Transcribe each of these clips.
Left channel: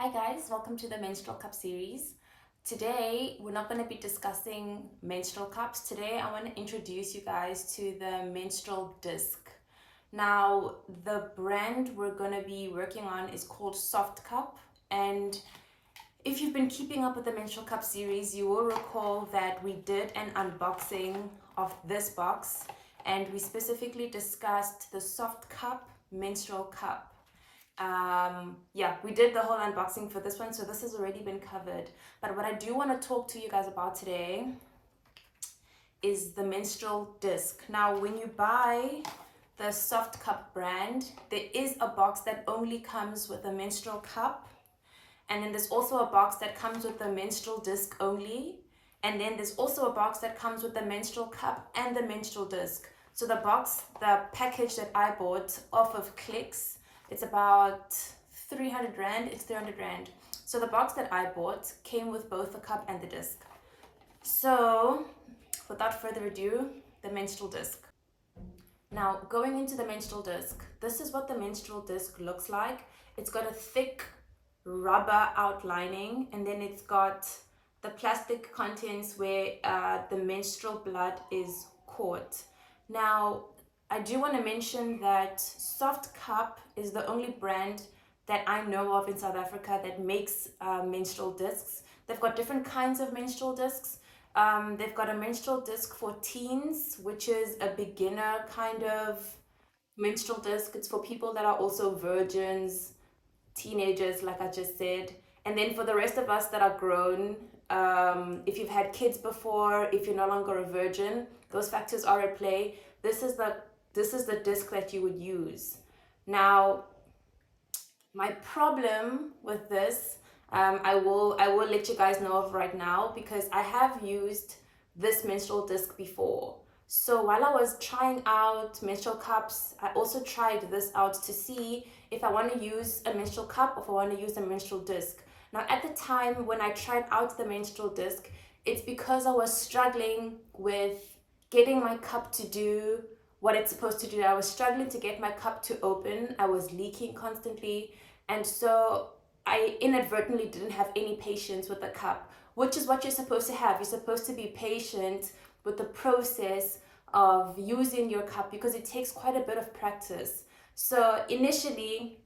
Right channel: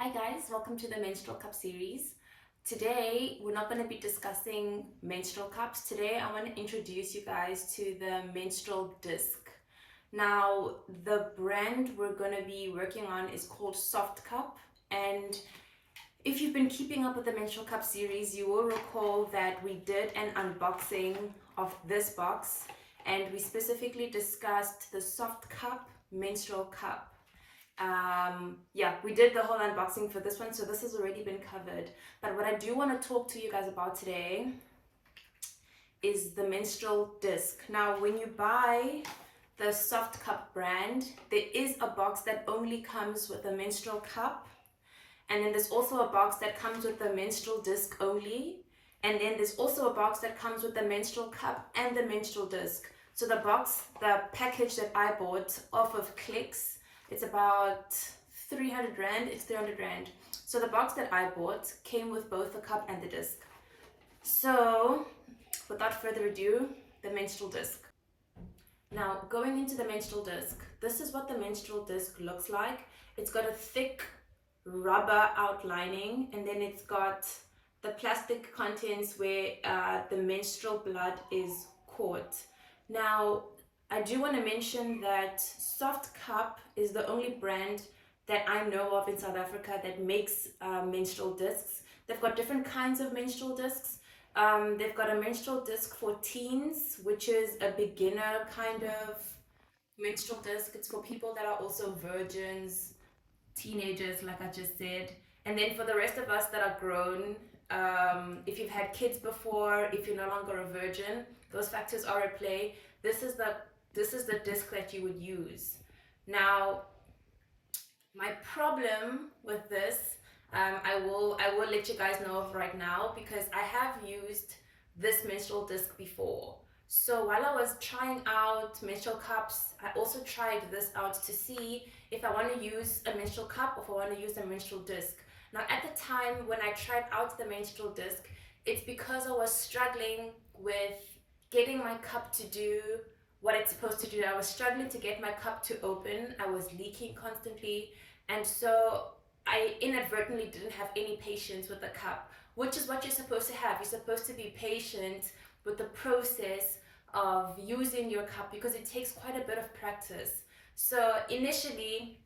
Hi guys, welcome to the Menstrual Cup series. Today we're not going to be discussing menstrual cups. Today I want to introduce you guys to the menstrual disc. Now the brand we're going to be working on is called Softcup, and if you've been keeping up with the menstrual cup series, you will recall that we did an unboxing of this box and we specifically discussed the Softcup menstrual cup. We did the whole unboxing for this one, so this has already been covered. But what I do want to talk to you guys about today is the menstrual disc. Now, when you buy the Softcup brand, there is a box that only comes with a menstrual cup, and then there's also a box that comes with the menstrual disc only, and then there's also a box that comes with the menstrual cup and the menstrual disc. So the package that I bought off of Clicks, it's about 300 Rand, it's 300 Rand. So the box that I bought came with both the cup and the disc. So without further ado, the menstrual disc. Now going into the menstrual disc, this is what the menstrual disc looks like. It's got a thick rubber outlining, and then it's got the plastic contents where the menstrual blood is caught. Now I do want to mention that Softcup is the only brand that I know of in South Africa that makes menstrual discs. They've got different kinds of menstrual discs. They've got a menstrual disc for teens, which is a beginner kind of menstrual disc. It's for people that are also virgins, teenagers, like I just said. And then for the rest of us that are grown, if you've had kids before, if you're no longer a virgin, those factors are at play. This is the disc that you would use. Now, my problem with this, I will let you guys know of right now, because I have used this menstrual disc before. So while I was trying out menstrual cups, I also tried this out to see if I want to use a menstrual cup or if I want to use a menstrual disc. Now at the time when I tried out the menstrual disc, it's because I was struggling with getting my cup to do what it's supposed to do. I was struggling to get my cup to open. I was leaking constantly, and so I inadvertently didn't have any patience with the cup, which is what you're supposed to have. You're supposed to be patient with the process of using your cup because it takes quite a bit of practice. So initially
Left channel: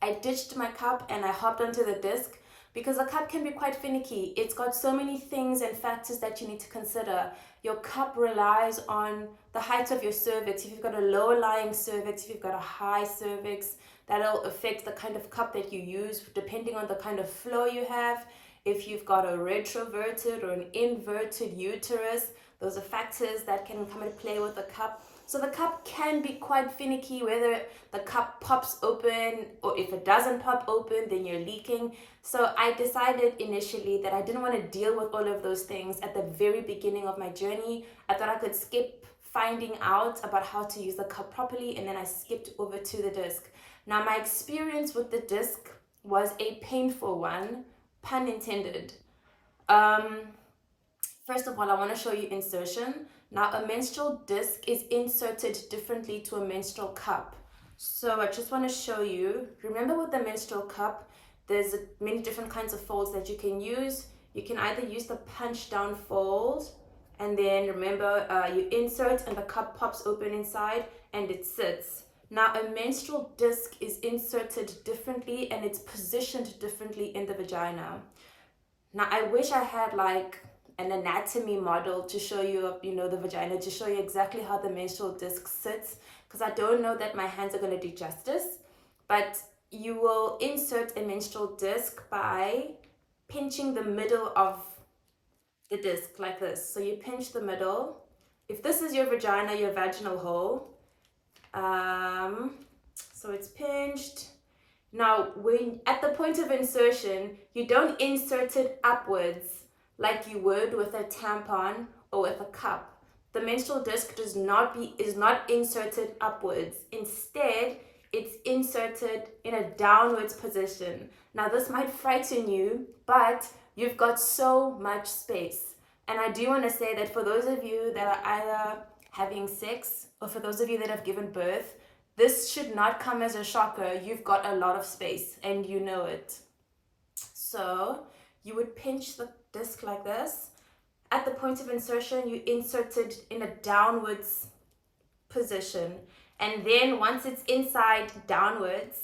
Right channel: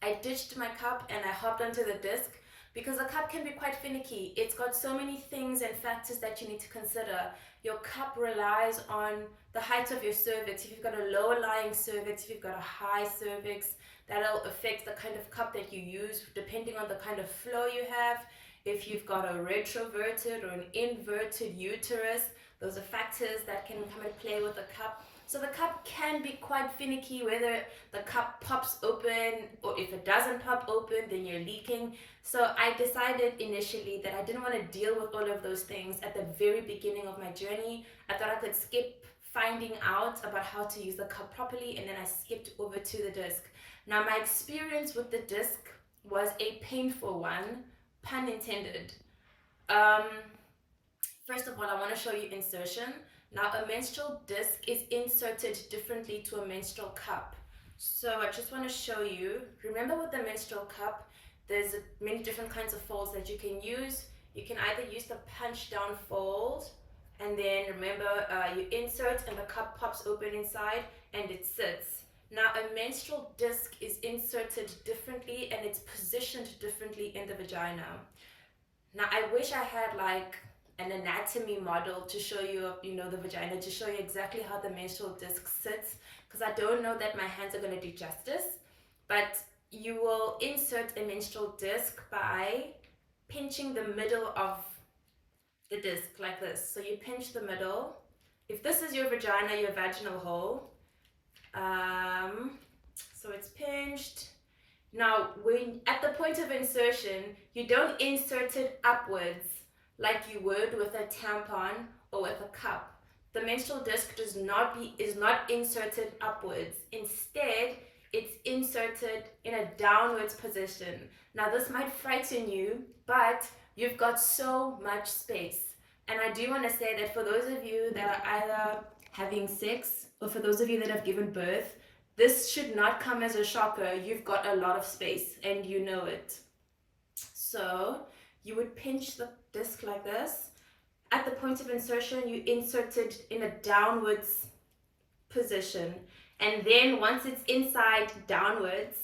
I ditched my cup and I hopped onto the disc because the cup can be quite finicky. It's got so many things and factors that you need to consider. Your cup relies on the height of your cervix. If you've got a lower lying cervix, if you've got a high cervix, that'll affect the kind of cup that you use depending on the kind of flow you have. If you've got a retroverted or an inverted uterus, those are factors that can come into play with the cup. So the cup can be quite finicky, whether the cup pops open or if it doesn't pop open, then you're leaking. So I decided initially that I didn't want to deal with all of those things at the very beginning of my journey. I thought I could skip finding out about how to use the cup properly, and then I skipped over to the disc. Now my experience with the disc was a painful one, pun intended. First of all, I want to show you insertion. Now, a menstrual disc is inserted differently to a menstrual cup. So I just want to show you. Remember with the menstrual cup, there's many different kinds of folds that you can use. You can either use the punch down fold, and then remember you insert and the cup pops open inside and it sits. Now, a menstrual disc is inserted differently and it's positioned differently in the vagina. Now, I wish I had like an anatomy model to show you, the vagina, to show you exactly how the menstrual disc sits, because I don't know that my hands are going to do justice. But you will insert a menstrual disc by pinching the middle of the disc like this. So you pinch the middle. If this is your vagina, your vaginal hole, so it's pinched. Now, when at the point of insertion, you don't insert it upwards like you would with a tampon or with a cup. The menstrual disc is not inserted upwards. Instead, it's inserted in a downwards position. Now, this might frighten you, but you've got so much space. And I do want to say that for those of you that are either having sex or for those of you that have given birth, this should not come as a shocker. You've got a lot of space and you know it. So you would pinch the disc like this. At the point of insertion, you insert it in a downwards position. And then once it's inside downwards,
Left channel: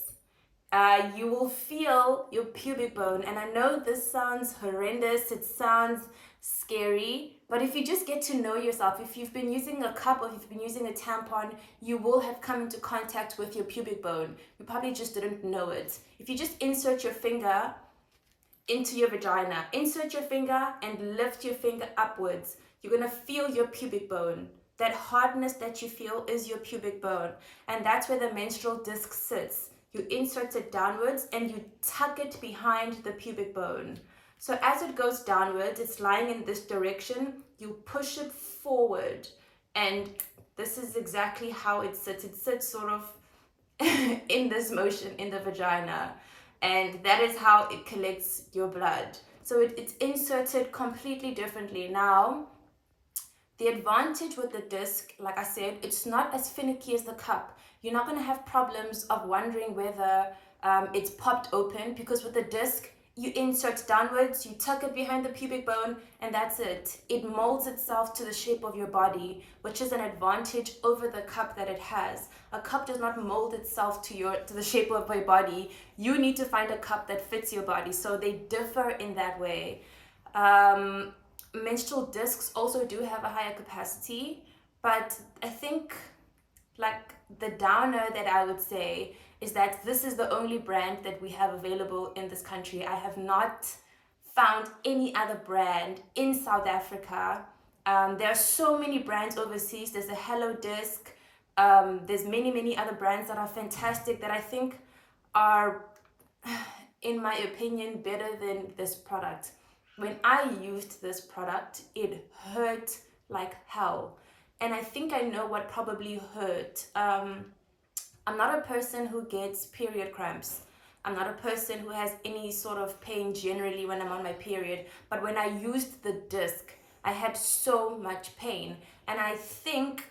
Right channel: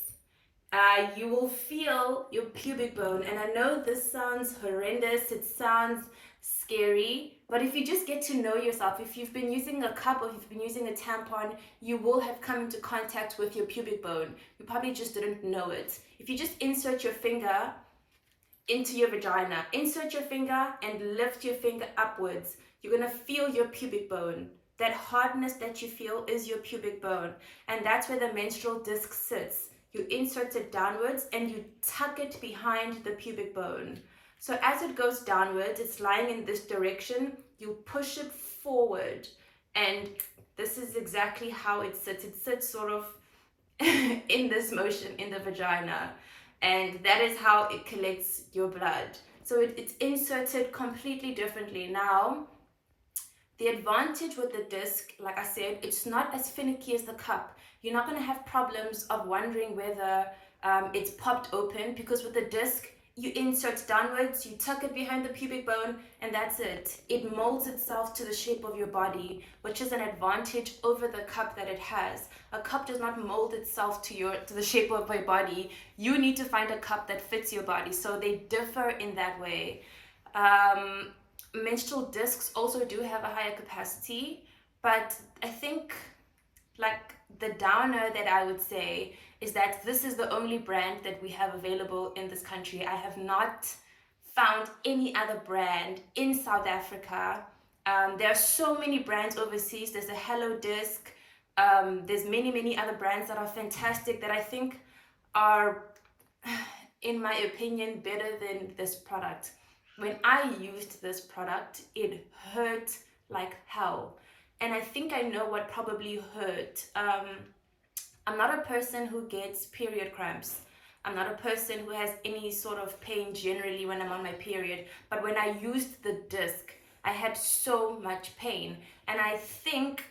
you will feel your pubic bone. And I know this sounds horrendous, it sounds scary, but if you just get to know yourself, if you've been using a cup or if you've been using a tampon, you will have come into contact with your pubic bone. You probably just didn't know it. If you just insert your finger into your vagina, insert your finger and lift your finger upwards, you're gonna feel your pubic bone. That hardness that you feel is your pubic bone, and that's where the menstrual disc sits. You insert it downwards and you tuck it behind the pubic bone. So as it goes downwards, it's lying in this direction, you push it forward, and this is exactly how it sits. It sits sort of in this motion in the vagina, and that is how it collects your blood. So it's inserted completely differently. Now, the advantage with the disc, like I said, it's not as finicky as the cup. You're not going to have problems of wondering whether it's popped open, because with the disc, you insert downwards, you tuck it behind the pubic bone, and that's it. It molds itself to the shape of your body, which is an advantage over the cup that it has. A cup does not mold itself to the shape of your body. You need to find a cup that fits your body, so they differ in that way. Menstrual discs also do have a higher capacity, but I think like the downer that I would say is that this is the only brand that we have available in this country. I have not found any other brand in South Africa. There are so many brands overseas. There's a Hello Disc. There's many other brands that are fantastic that I think are, in my opinion, better than this product. When I used this product, it hurt like hell. And I think I know what probably hurt. I'm not a person who gets period cramps. I'm not a person who has any sort of pain generally when I'm on my period. But when I used the disc, I had so much pain. And I think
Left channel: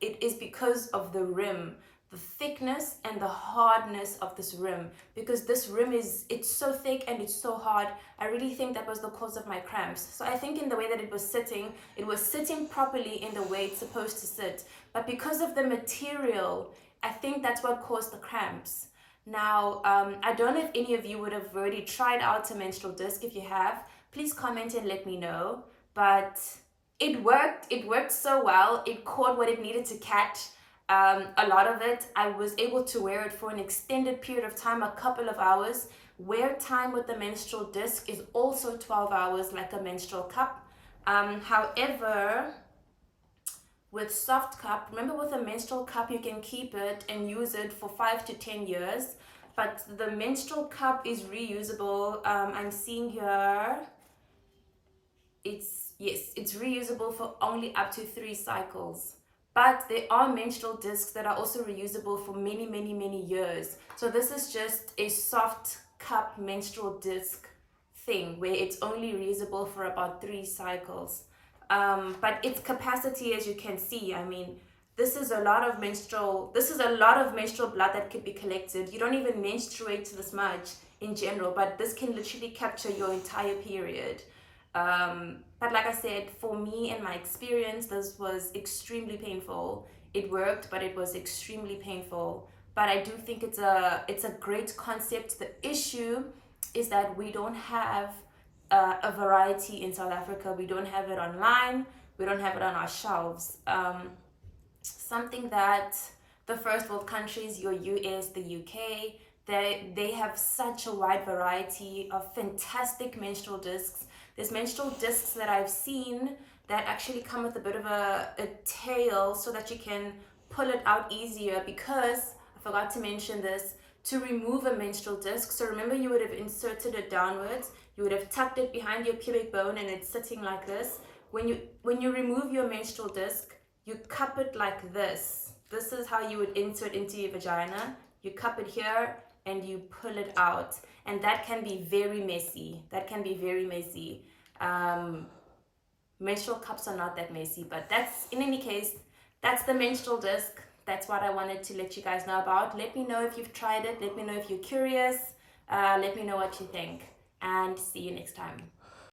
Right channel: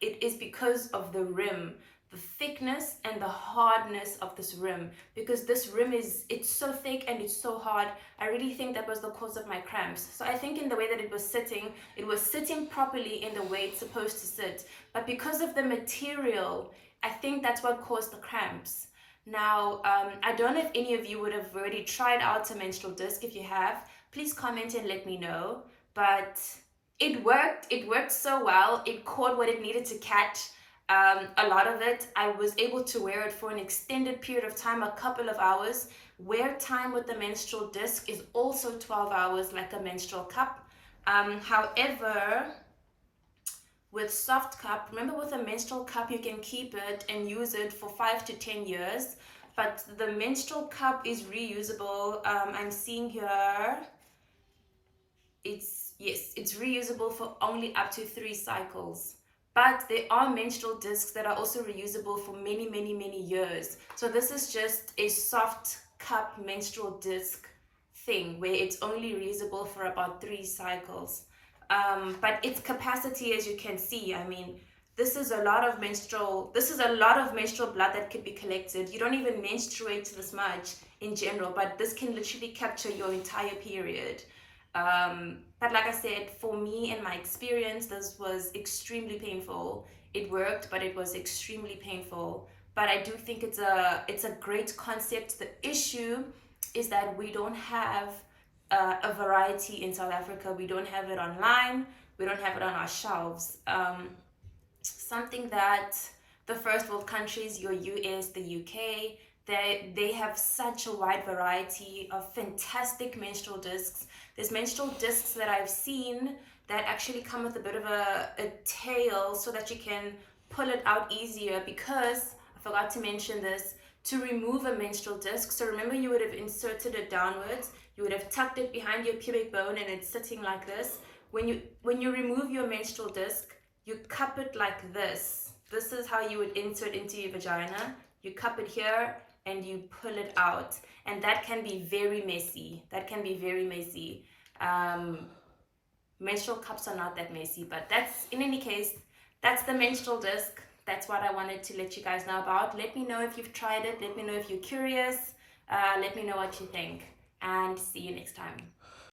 it is because of the rim, the thickness and the hardness of this rim. Because this rim it's so thick and it's so hard. I really think that was the cause of my cramps. So I think in the way that it was sitting properly in the way it's supposed to sit. But because of the material, I think that's what caused the cramps. Now, I don't know if any of you would have already tried out a menstrual disc. If you have, please comment and let me know. But it worked so well. It caught what it needed to catch. A lot of it, I was able to wear it for an extended period of time, a couple of hours. Wear time with the menstrual disc is also 12 hours like a menstrual cup. However, with Softcup, remember with a menstrual cup, you can keep it and use it for 5 to 10 years. But the menstrual cup is reusable. I'm seeing here, it's reusable for only up to 3 cycles. But there are menstrual discs that are also reusable for many years. So this is just a Softcup menstrual disc thing where it's only reusable for about 3 cycles. But its capacity, as you can see, I mean, this is a lot of menstrual blood that could be collected. You don't even menstruate this much in general, but this can literally capture your entire period. But like I said, for me and my experience, this was extremely painful. It worked, but it was extremely painful. But I do think it's a great concept. The issue is that we don't have a variety in South Africa. We don't have it online. We don't have it on our shelves. Something that the first world countries, your US, the UK, they have such a wide variety of fantastic menstrual discs. There's menstrual discs that I've seen that actually come with a bit of a tail so that you can pull it out easier, because I forgot to mention this, to remove a menstrual disc. So remember, you would have inserted it downwards, you would have tucked it behind your pubic bone and it's sitting like this. When you remove your menstrual disc, you cup it like this. This is how you would insert into your vagina. You cup it here and you pull it out. And that can be very messy. Menstrual cups are not that messy, but that's, in any case, that's the menstrual disc. That's what I wanted to let you guys know about. Let me know if you've tried it. Let me know if you're curious. Let me know what you think. and see you next time.